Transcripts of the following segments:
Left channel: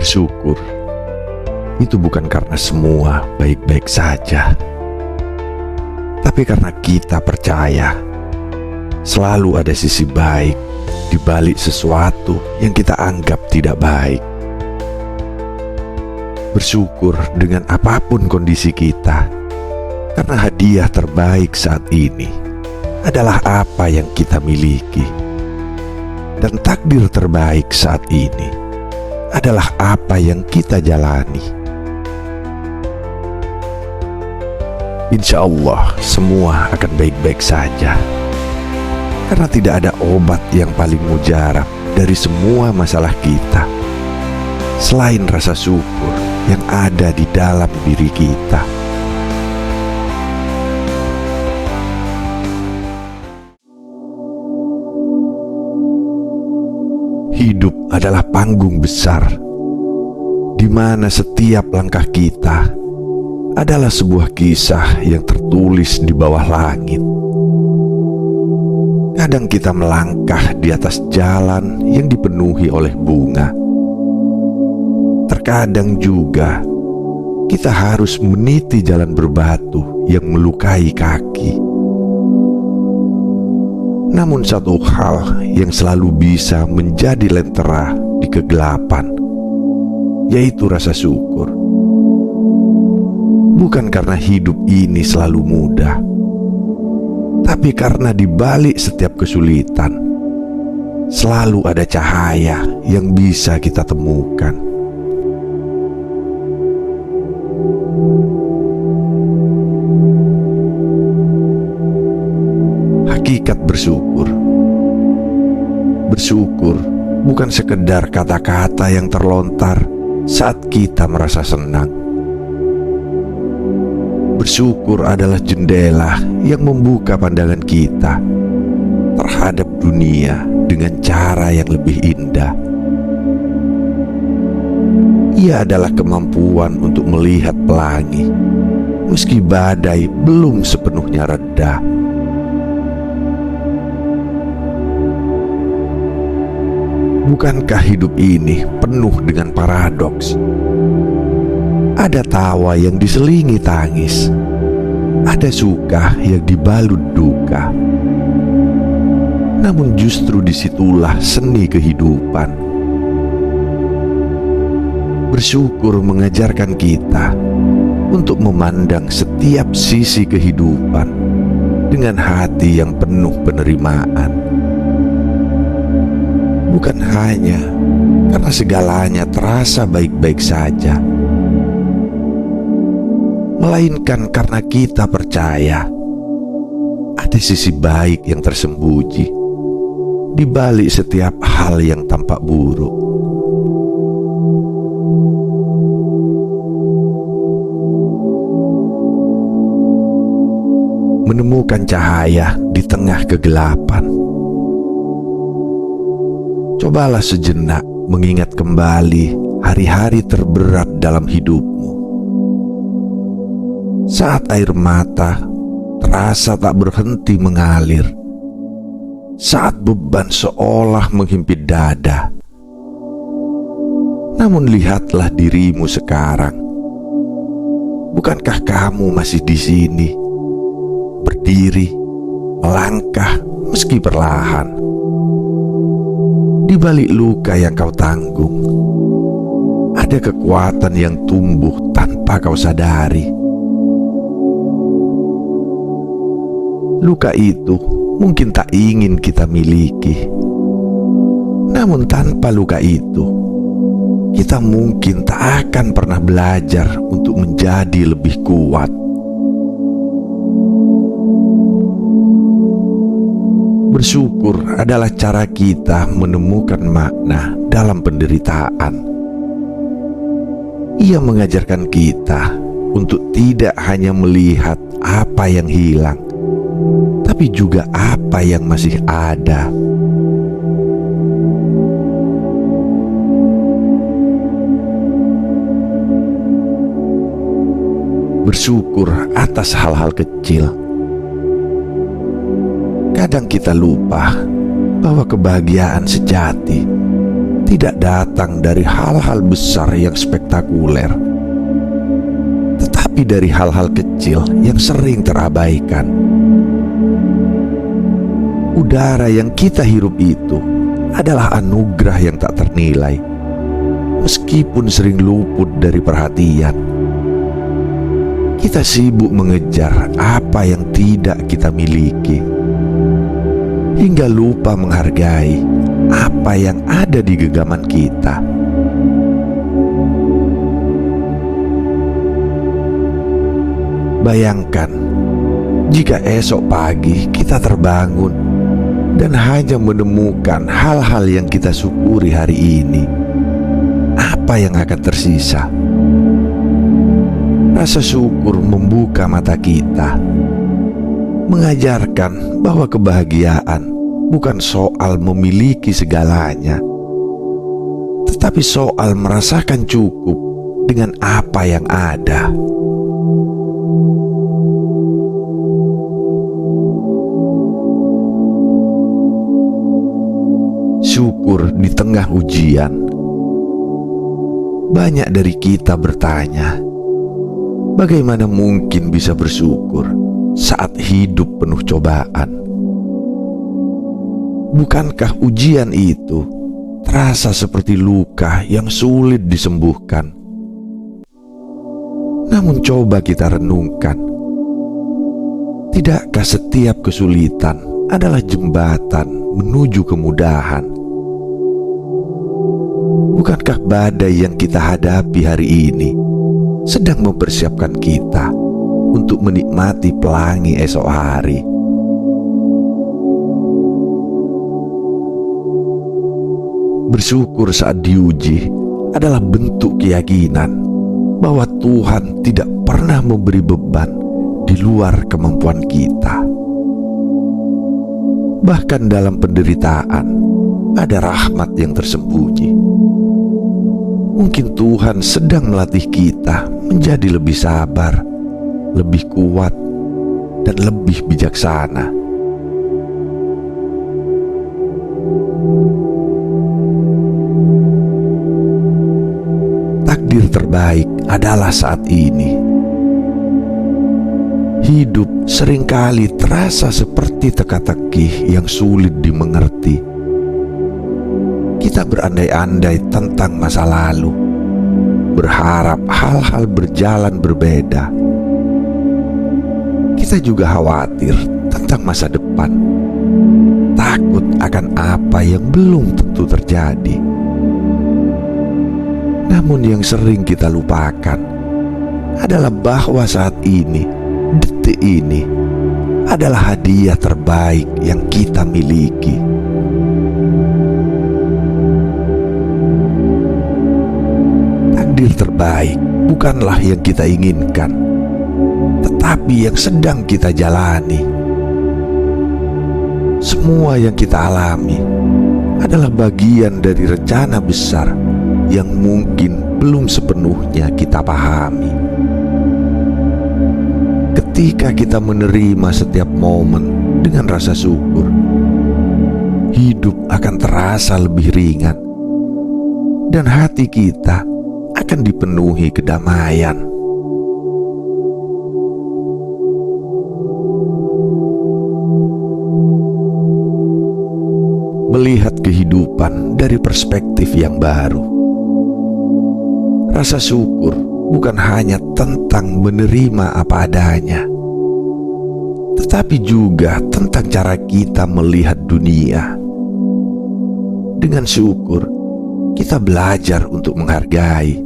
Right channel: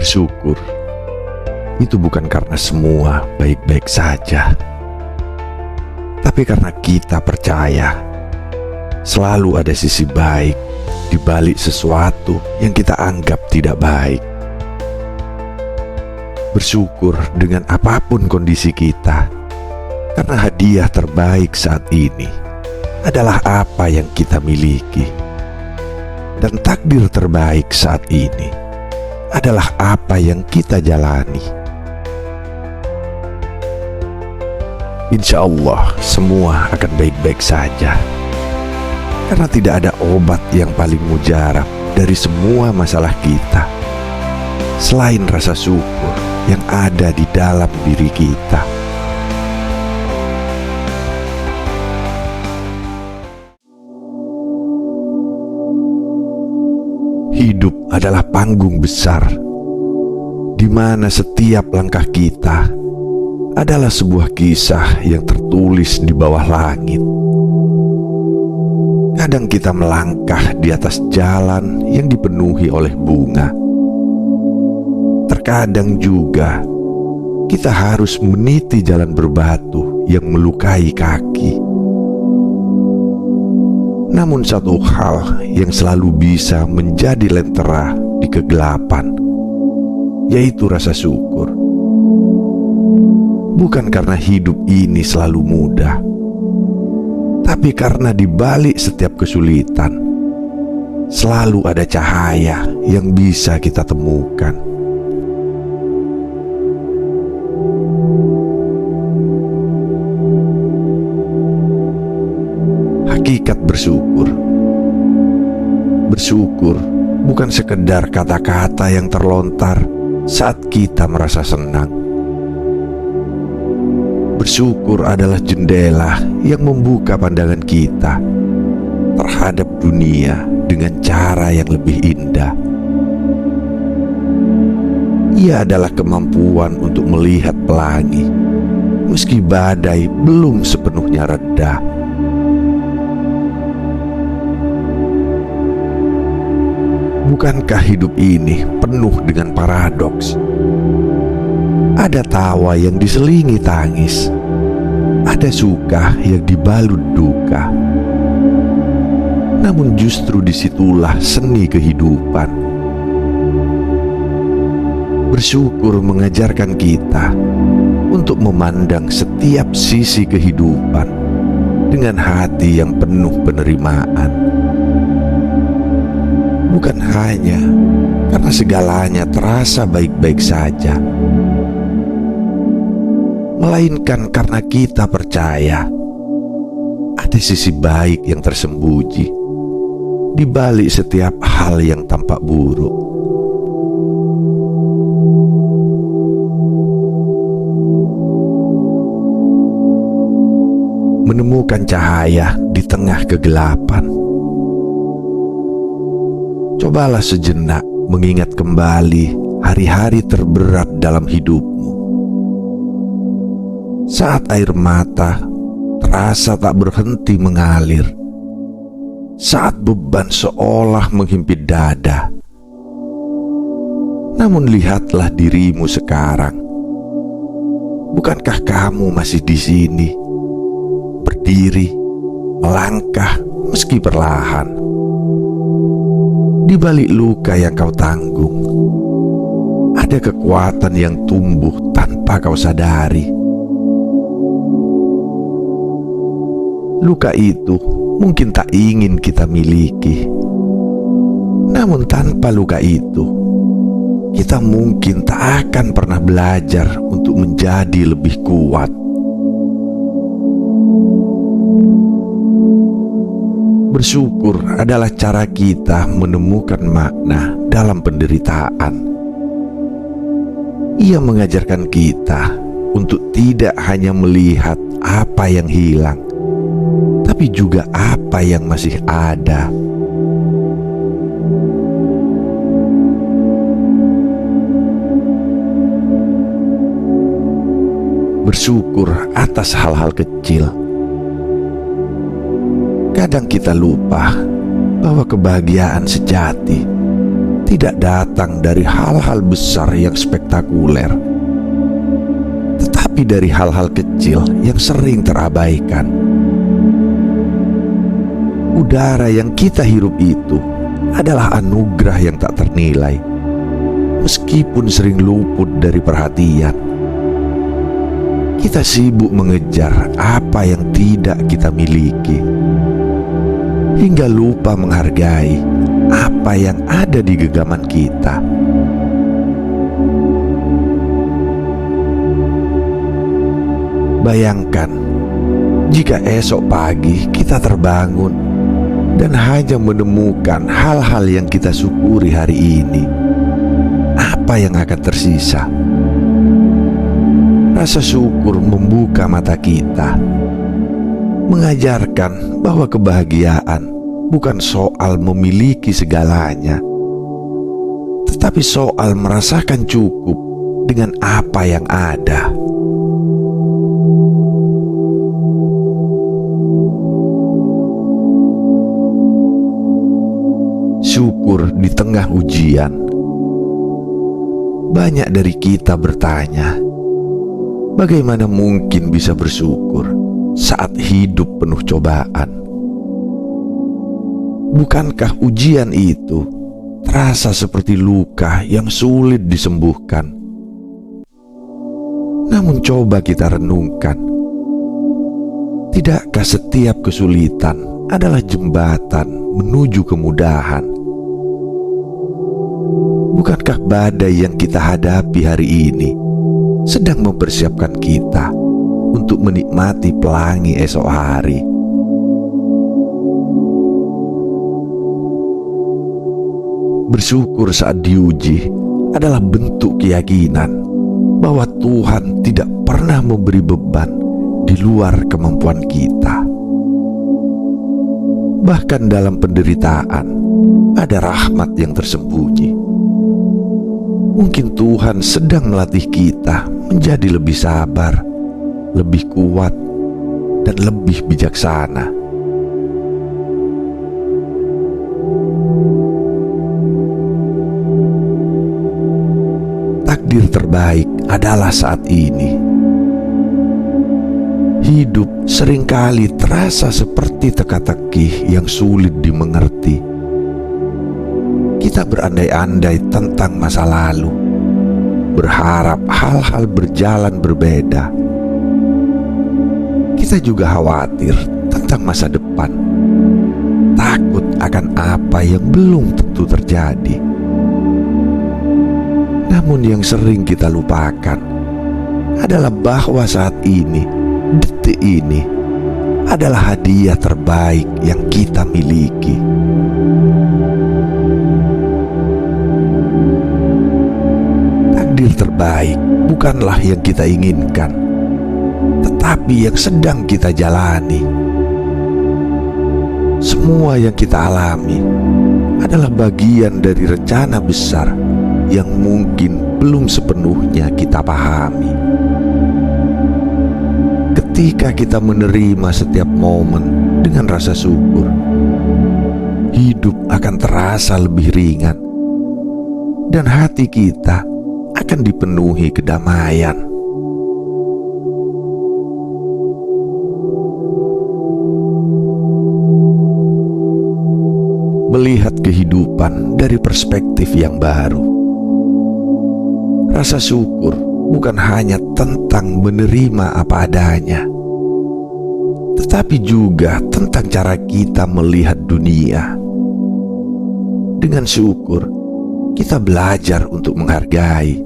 Bersyukur itu bukan karena semua baik-baik saja, tapi karena kita percaya selalu ada sisi baik di balik sesuatu yang kita anggap tidak baik. Bersyukur dengan apapun kondisi kita, karena hadiah terbaik saat ini adalah apa yang kita miliki, dan takdir terbaik saat ini adalah apa yang kita jalani. Insya Allah semua akan baik-baik saja, karena tidak ada obat yang paling mujarab dari semua masalah kita selain rasa syukur yang ada di dalam diri kita. Hidup adalah panggung besar, di mana setiap langkah kita adalah sebuah kisah yang tertulis di bawah langit. Kadang kita melangkah di atas jalan yang dipenuhi oleh bunga. Terkadang juga kita harus meniti jalan berbatu yang melukai kaki. Namun satu hal yang selalu bisa menjadi lentera di kegelapan, yaitu rasa syukur. Bukan karena hidup ini selalu mudah, tapi karena di balik setiap kesulitan selalu ada cahaya yang bisa kita temukan. Hakikat bersyukur. Bersyukur bukan sekedar kata-kata yang terlontar saat kita merasa senang. Bersyukur adalah jendela yang membuka pandangan kita terhadap dunia dengan cara yang lebih indah. Ia adalah kemampuan untuk melihat pelangi meski badai belum sepenuhnya reda. Bukankah hidup ini penuh dengan paradoks? Ada tawa yang diselingi tangis, ada suka yang dibalut duka. Namun justru disitulah seni kehidupan. Bersyukur mengajarkan kita untuk memandang setiap sisi kehidupan dengan hati yang penuh penerimaan. Bukan hanya karena segalanya terasa baik-baik saja, melainkan karena kita percaya ada sisi baik yang tersembunyi di balik setiap hal yang tampak buruk. Menemukan cahaya di tengah kegelapan. Cobalah sejenak mengingat kembali hari-hari terberat dalam hidupmu. Saat air mata terasa tak berhenti mengalir, saat beban seolah menghimpit dada. Namun lihatlah dirimu sekarang. Bukankah kamu masih di sini, berdiri, melangkah meski perlahan? Di balik luka yang kau tanggung, ada kekuatan yang tumbuh tanpa kau sadari. Luka itu mungkin tak ingin kita miliki, namun tanpa luka itu, kita mungkin tak akan pernah belajar untuk menjadi lebih kuat. Bersyukur adalah cara kita menemukan makna dalam penderitaan. Ia mengajarkan kita untuk tidak hanya melihat apa yang hilang, tapi juga apa yang masih ada. Bersyukur atas hal-hal kecil. Kadang kita lupa bahwa kebahagiaan sejati tidak datang dari hal-hal besar yang spektakuler, tetapi dari hal-hal kecil yang sering terabaikan. Udara yang kita hirup itu adalah anugerah yang tak ternilai, meskipun sering luput dari perhatian. Kita sibuk mengejar apa yang tidak kita miliki, hingga lupa menghargai apa yang ada di genggaman kita. Bayangkan jika esok pagi kita terbangun dan hanya menemukan hal-hal yang kita syukuri hari ini. Apa yang akan tersisa? Rasa syukur membuka mata kita, mengajarkan bahwa kebahagiaan bukan soal memiliki segalanya, tetapi soal merasakan cukup dengan apa yang ada. Syukur di tengah ujian. Banyak dari kita bertanya, bagaimana mungkin bisa bersyukur saat hidup penuh cobaan? Bukankah ujian itu terasa seperti luka yang sulit disembuhkan? Namun coba kita renungkan, tidakkah setiap kesulitan adalah jembatan menuju kemudahan? Bukankah badai yang kita hadapi hari ini sedang mempersiapkan kita untuk menikmati pelangi esok hari? Bersyukur saat diuji adalah bentuk keyakinan bahwa Tuhan tidak pernah memberi beban di luar kemampuan kita. Bahkan dalam penderitaan ada rahmat yang tersembunyi. Mungkin Tuhan sedang melatih kita menjadi lebih sabar, lebih kuat, dan lebih bijaksana. Takdir terbaik adalah saat ini. Hidup seringkali terasa seperti teka-teki yang sulit dimengerti. Kita berandai-andai tentang masa lalu, berharap hal-hal berjalan berbeda. Kita juga khawatir tentang masa depan, takut akan apa yang belum tentu terjadi. Namun yang sering kita lupakan adalah bahwa saat ini, detik ini, adalah hadiah terbaik yang kita miliki. Takdir terbaik bukanlah yang kita inginkan, tetapi yang sedang kita jalani. Semua yang kita alami adalah bagian dari rencana besar yang mungkin belum sepenuhnya kita pahami. Ketika kita menerima setiap momen dengan rasa syukur, hidup akan terasa lebih ringan dan hati kita akan dipenuhi kedamaian. Melihat kehidupan dari perspektif yang baru. Rasa syukur bukan hanya tentang menerima apa adanya, tetapi juga tentang cara kita melihat dunia. Dengan syukur, kita belajar untuk menghargai.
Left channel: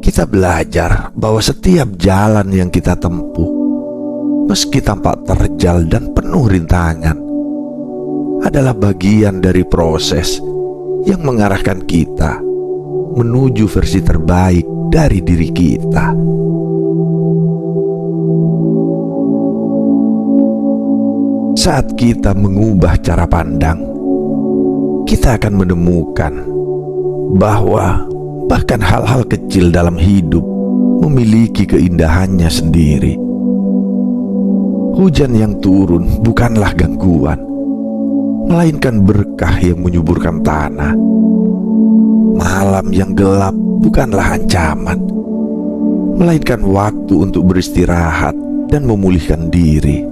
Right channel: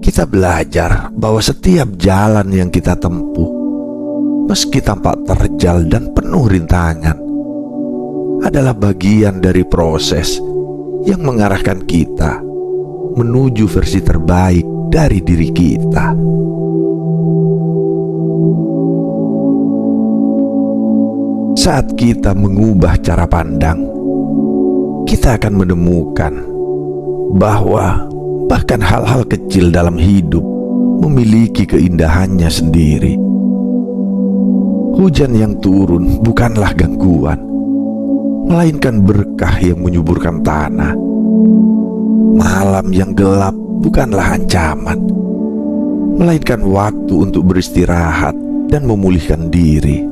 Kita belajar bahwa setiap jalan yang kita tempuh, meski tampak terjal dan penuh rintangan, adalah bagian dari proses yang mengarahkan kita menuju versi terbaik dari diri kita. Saat kita mengubah cara pandang, kita akan menemukan bahwa bahkan hal-hal kecil dalam hidup memiliki keindahannya sendiri. Hujan yang turun bukanlah gangguan, melainkan berkah yang menyuburkan tanah. Malam yang gelap bukanlah ancaman, melainkan waktu untuk beristirahat dan memulihkan diri.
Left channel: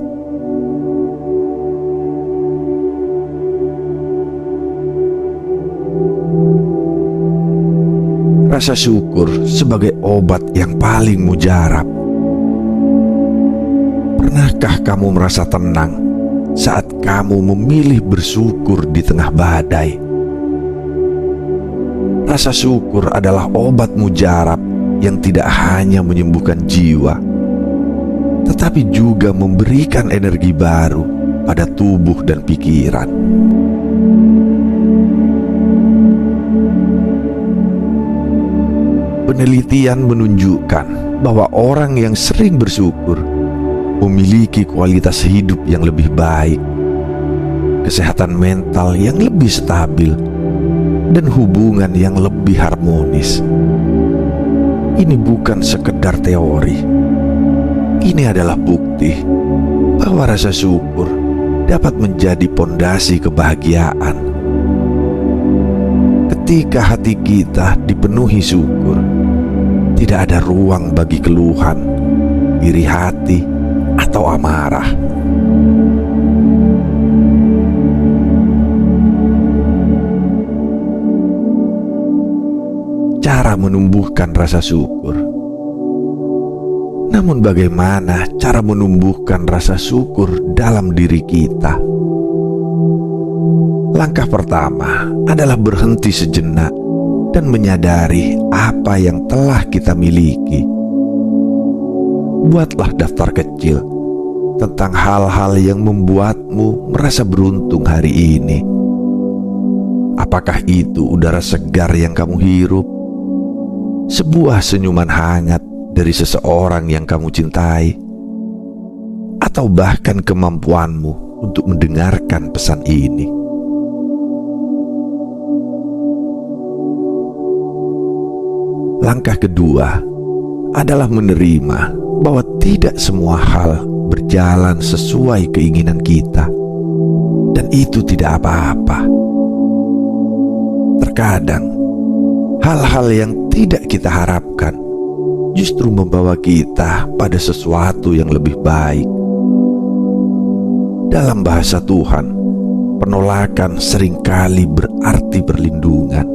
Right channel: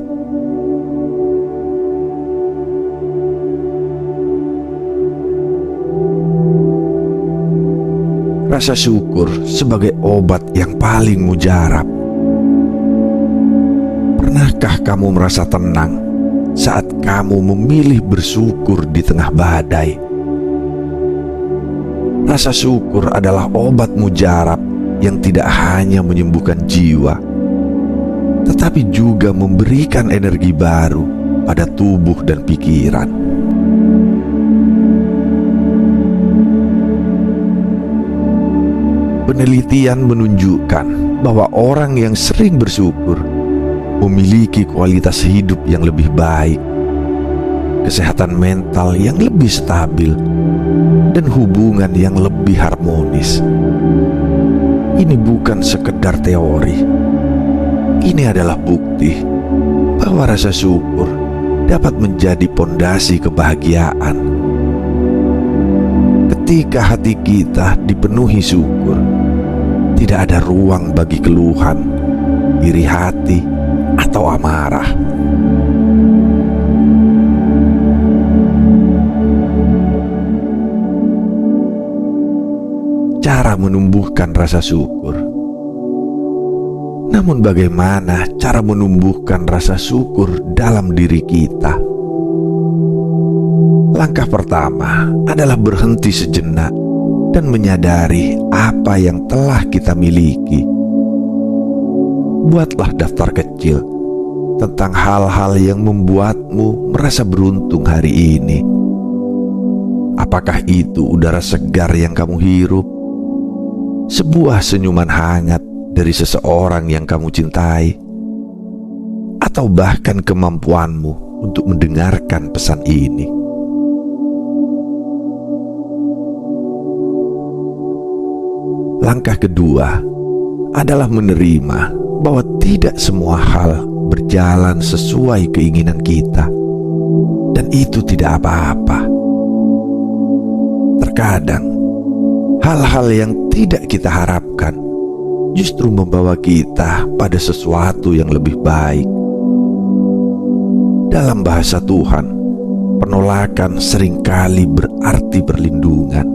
Rasa syukur sebagai obat yang paling mujarab. Pernahkah kamu merasa tenang saat kamu memilih bersyukur di tengah badai? Rasa syukur adalah obat mujarab yang tidak hanya menyembuhkan jiwa, tetapi juga memberikan energi baru pada tubuh dan pikiran. Penelitian menunjukkan bahwa orang yang sering bersyukur memiliki kualitas hidup yang lebih baik, kesehatan mental yang lebih stabil, dan hubungan yang lebih harmonis. Ini bukan sekedar teori. Ini adalah bukti bahwa rasa syukur dapat menjadi pondasi kebahagiaan. Ketika hati kita dipenuhi syukur, tidak ada ruang bagi keluhan, iri hati, atau amarah. Cara menumbuhkan rasa syukur. Namun bagaimana cara menumbuhkan rasa syukur dalam diri kita? Langkah pertama adalah berhenti sejenak dan menyadari apa yang telah kita miliki. Buatlah daftar kecil tentang hal-hal yang membuatmu merasa beruntung hari ini. Apakah itu udara segar yang kamu hirup? Sebuah senyuman hangat dari seseorang yang kamu cintai? Atau bahkan kemampuanmu untuk mendengarkan pesan ini? Langkah kedua adalah menerima bahwa tidak semua hal berjalan sesuai keinginan kita, dan itu tidak apa-apa. Terkadang hal-hal yang tidak kita harapkan justru membawa kita pada sesuatu yang lebih baik. Dalam bahasa Tuhan, penolakan seringkali berarti perlindungan.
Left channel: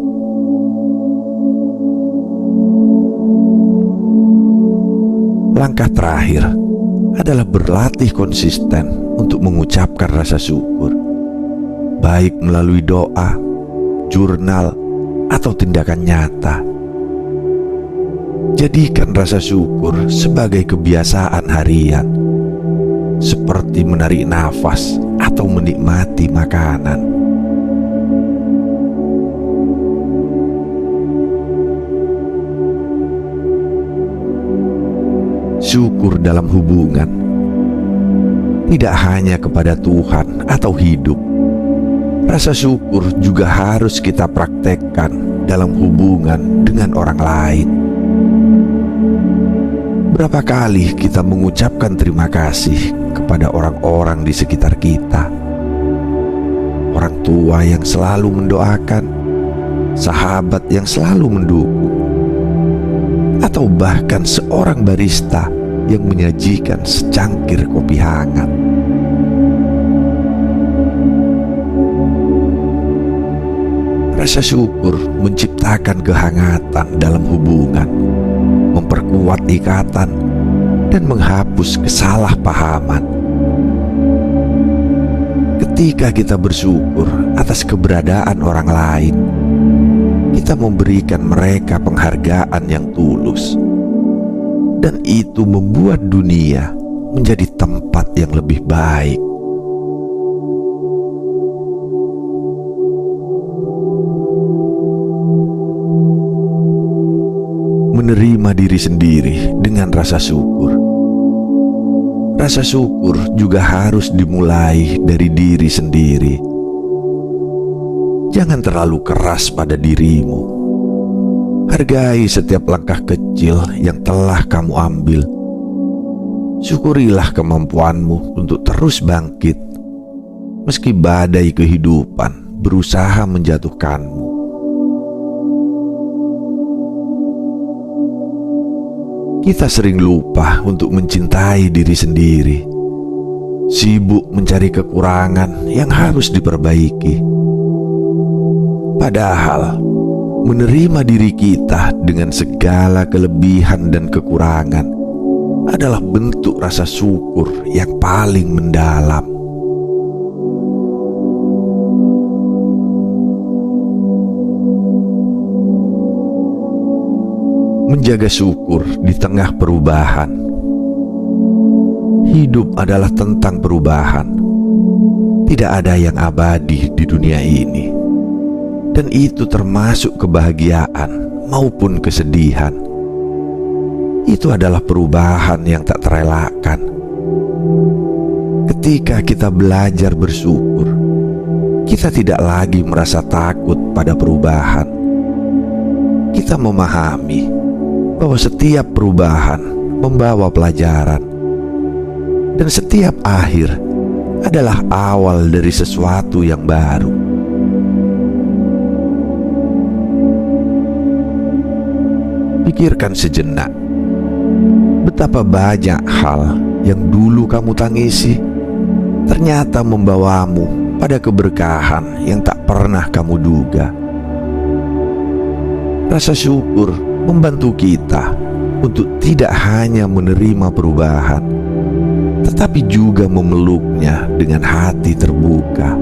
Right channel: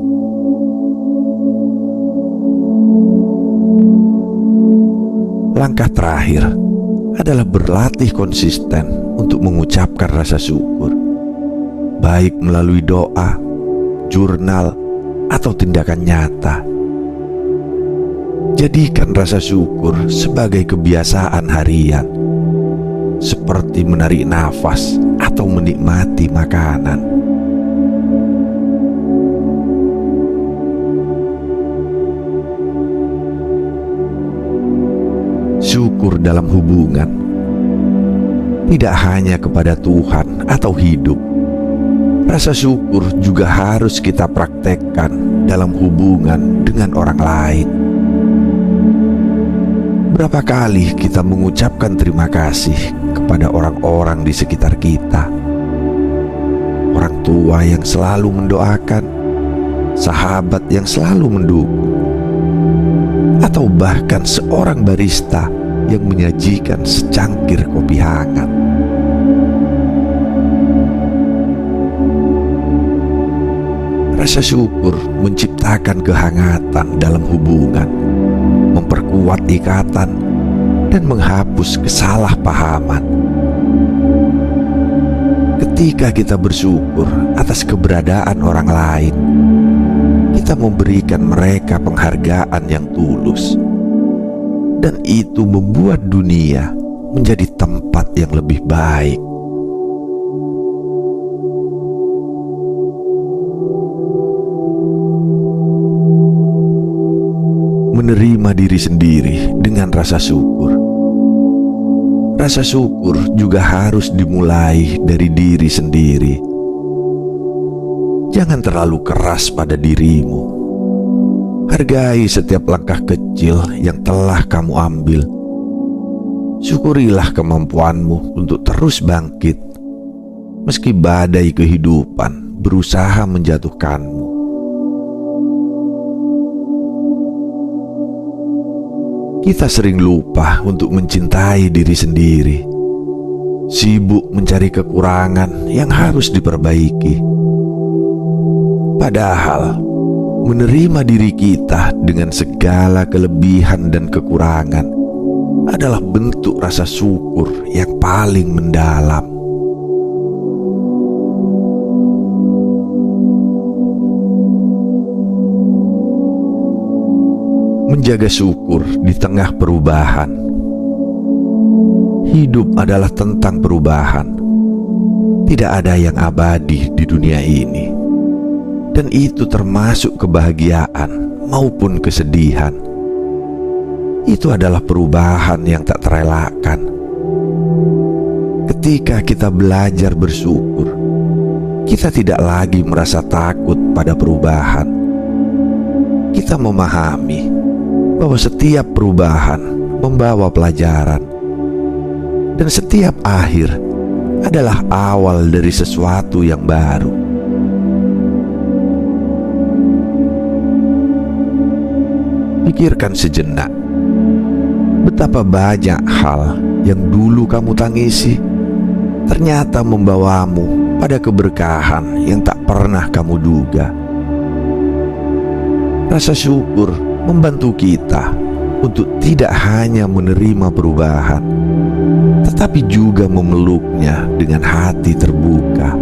Langkah terakhir adalah berlatih konsisten untuk mengucapkan rasa syukur, baik melalui doa, jurnal, atau tindakan nyata. Jadikan rasa syukur sebagai kebiasaan harian, seperti menarik nafas atau menikmati makanan. Syukur dalam hubungan tidak hanya kepada Tuhan atau hidup. Rasa syukur juga harus kita praktekkan dalam hubungan dengan orang lain. Berapa kali kita mengucapkan terima kasih kepada orang-orang di sekitar kita? Orang tua yang selalu mendoakan, sahabat yang selalu mendukung, atau bahkan seorang barista yang menyajikan secangkir kopi hangat. Rasa syukur menciptakan kehangatan dalam hubungan, memperkuat ikatan, dan menghapus kesalahpahaman. Ketika kita bersyukur atas keberadaan orang lain, kita memberikan mereka penghargaan yang tulus, dan itu membuat dunia menjadi tempat yang lebih baik. Menerima diri sendiri dengan rasa syukur. Rasa syukur juga harus dimulai dari diri sendiri. Jangan terlalu keras pada dirimu. Hargai setiap langkah kecil yang telah kamu ambil. Syukurilah kemampuanmu untuk terus bangkit. meski badai kehidupan berusaha menjatuhkanmu. Kita sering lupa untuk mencintai diri sendiri, sibuk mencari kekurangan yang harus diperbaiki. Padahal, menerima diri kita dengan segala kelebihan dan kekurangan adalah bentuk rasa syukur yang paling mendalam. Menjaga syukur di tengah perubahan. Hidup adalah tentang perubahan. Tidak ada yang abadi di dunia ini, dan itu termasuk kebahagiaan maupun kesedihan. Itu adalah perubahan yang tak terelakkan. Ketika kita belajar bersyukur, kita tidak lagi merasa takut pada perubahan. Kita memahami bahwa setiap perubahan membawa pelajaran, dan setiap akhir adalah awal dari sesuatu yang baru. Pikirkan sejenak, betapa banyak hal yang dulu kamu tangisi ternyata membawamu pada keberkahan yang tak pernah kamu duga. Rasa syukur membantu kita untuk tidak hanya menerima perubahan, tetapi juga memeluknya dengan hati terbuka.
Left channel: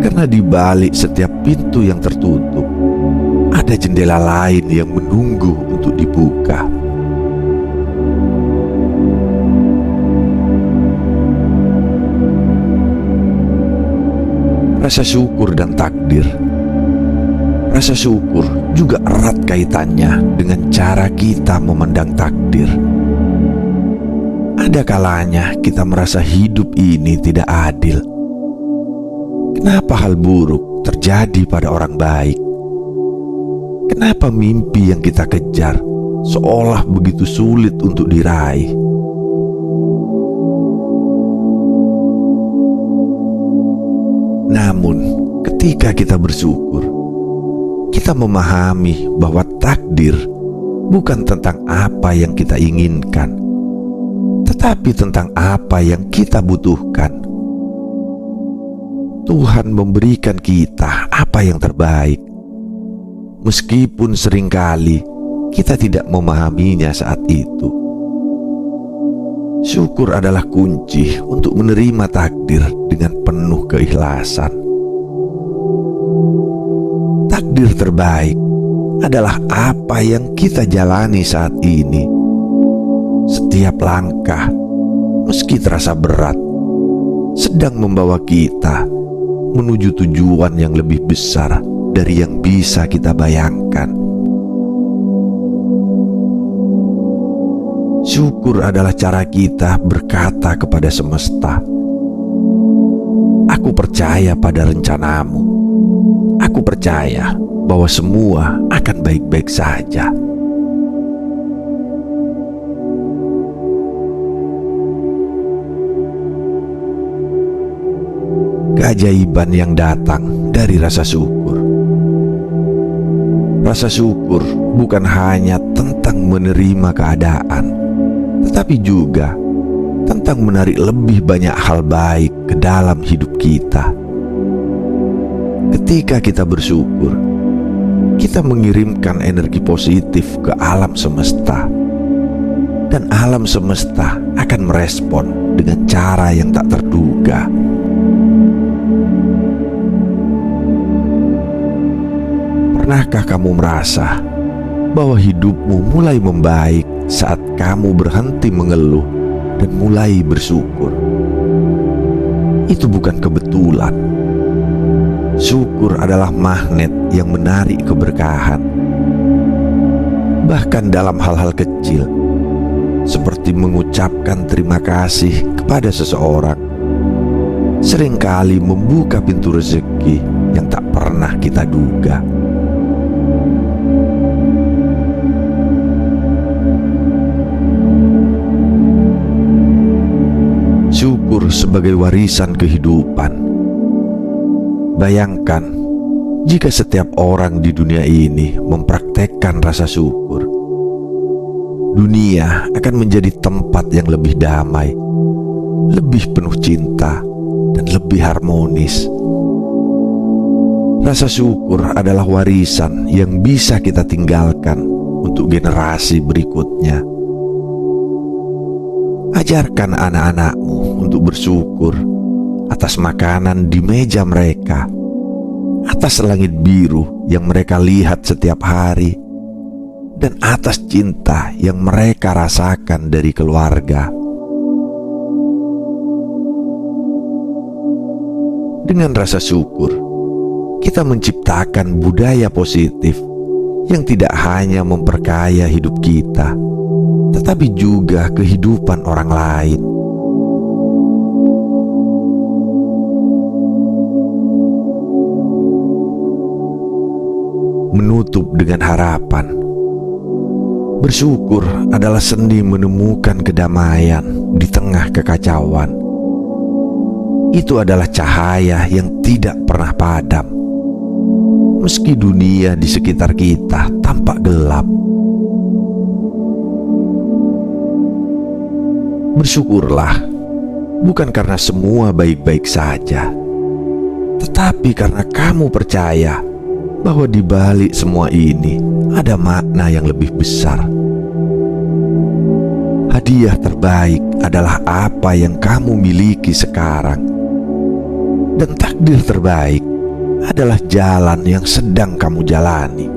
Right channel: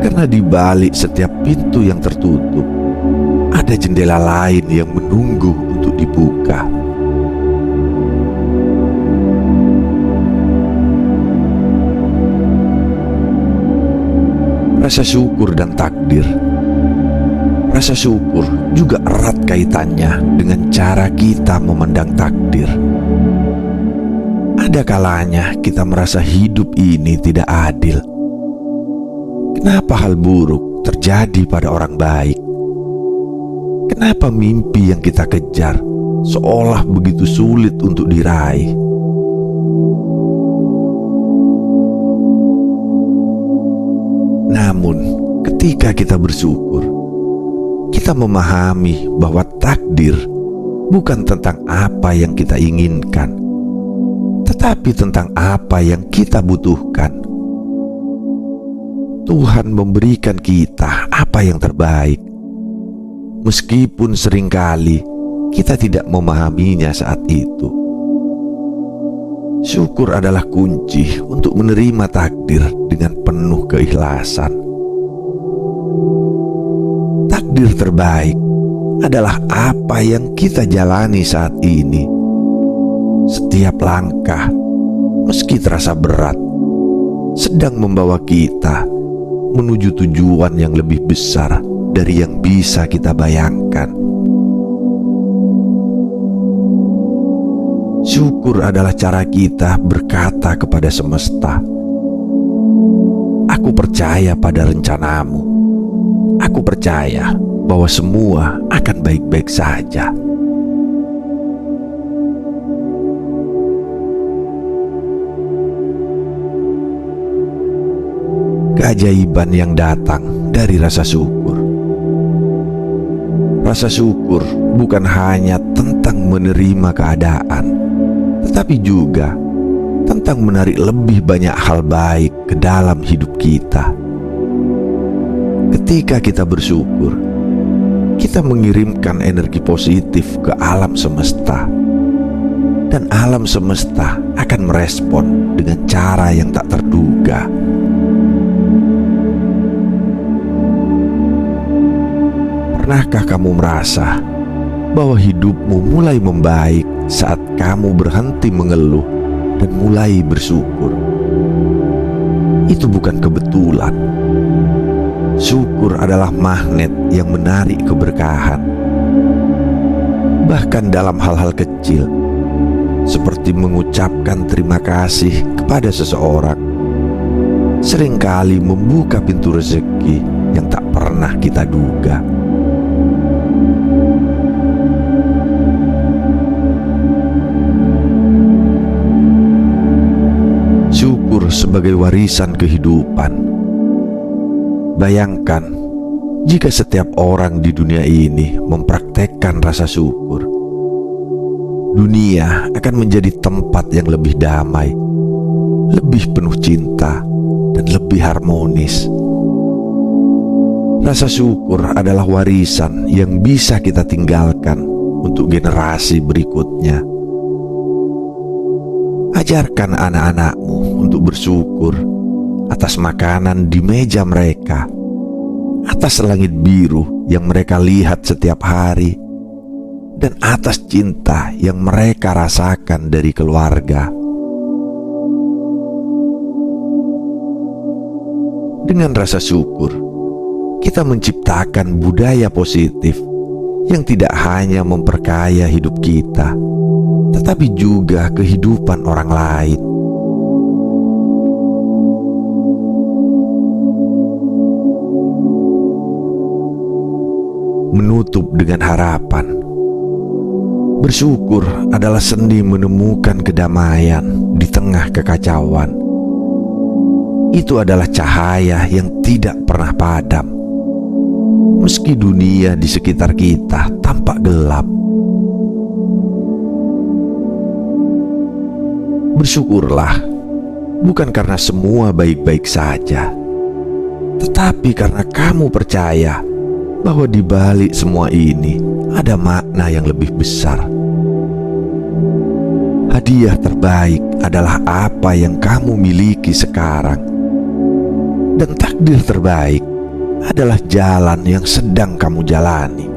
Karena di balik setiap pintu yang tertutup, ada jendela lain yang menunggu untuk dibuka. Rasa syukur dan takdir. Rasa syukur juga erat kaitannya dengan cara kita memandang takdir. Ada kalanya kita merasa hidup ini tidak adil. Kenapa hal buruk terjadi pada orang baik? Kenapa mimpi yang kita kejar seolah begitu sulit untuk diraih? Namun, ketika kita bersyukur, kita memahami bahwa takdir bukan tentang apa yang kita inginkan, tetapi tentang apa yang kita butuhkan. Tuhan memberikan kita apa yang terbaik, meskipun seringkali kita tidak memahaminya saat itu. Syukur adalah kunci untuk menerima takdir dengan penuh keikhlasan. Takdir terbaik adalah apa yang kita jalani saat ini. Setiap langkah, meski terasa berat, sedang membawa kita menuju tujuan yang lebih besar dari yang bisa kita bayangkan. Syukur adalah cara kita berkata kepada semesta, "Aku percaya pada rencanamu. Aku percaya bahwa semua akan baik-baik saja." Keajaiban yang datang dari rasa syukur. Rasa syukur bukan hanya tentang menerima keadaan, tetapi juga tentang menarik lebih banyak hal baik ke dalam hidup kita. Ketika kita bersyukur, kita mengirimkan energi positif ke alam semesta, dan alam semesta akan merespon dengan cara yang tak terduga. Pernahkah kamu merasa bahwa hidupmu mulai membaik saat kamu berhenti mengeluh dan mulai bersyukur? Itu bukan kebetulan. Syukur adalah magnet yang menarik keberkahan. Bahkan dalam hal-hal kecil, seperti mengucapkan terima kasih kepada seseorang, seringkali membuka pintu rezeki yang tak pernah kita duga. syukur sebagai warisan kehidupan. Bayangkan jika setiap orang di dunia ini mempraktekkan rasa syukur. Dunia akan menjadi tempat yang lebih damai, lebih penuh cinta, dan lebih harmonis. Rasa syukur adalah warisan yang bisa kita tinggalkan untuk generasi berikutnya. Ajarkan anak-anakmu untuk bersyukur atas makanan di meja mereka, atas langit biru yang mereka lihat setiap hari, dan atas cinta yang mereka rasakan dari keluarga. Dengan rasa syukur, kita menciptakan budaya positif yang tidak hanya memperkaya hidup kita, tetapi juga kehidupan orang lain. Menutup dengan harapan. Bersyukur adalah seni menemukan kedamaian di tengah kekacauan. Itu adalah cahaya yang tidak pernah padam, meski dunia di sekitar kita tampak gelap. Bersyukurlah, bukan karena semua baik-baik saja, tetapi karena kamu percaya bahwa di balik semua ini ada makna yang lebih besar. Hadiah terbaik adalah apa yang kamu miliki sekarang, dan takdir terbaik adalah jalan yang sedang kamu jalani.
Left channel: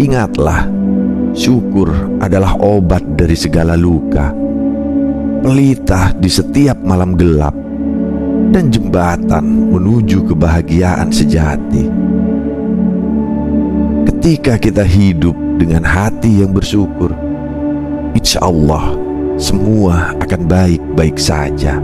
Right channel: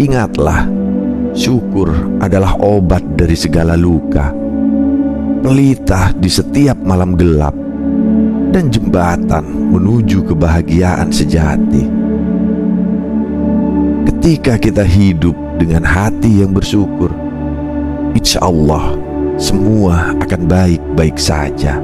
Ingatlah, syukur adalah obat dari segala luka, pelita di setiap malam gelap, dan jembatan menuju kebahagiaan sejati. Ketika kita hidup dengan hati yang bersyukur, insya Allah semua akan baik-baik saja.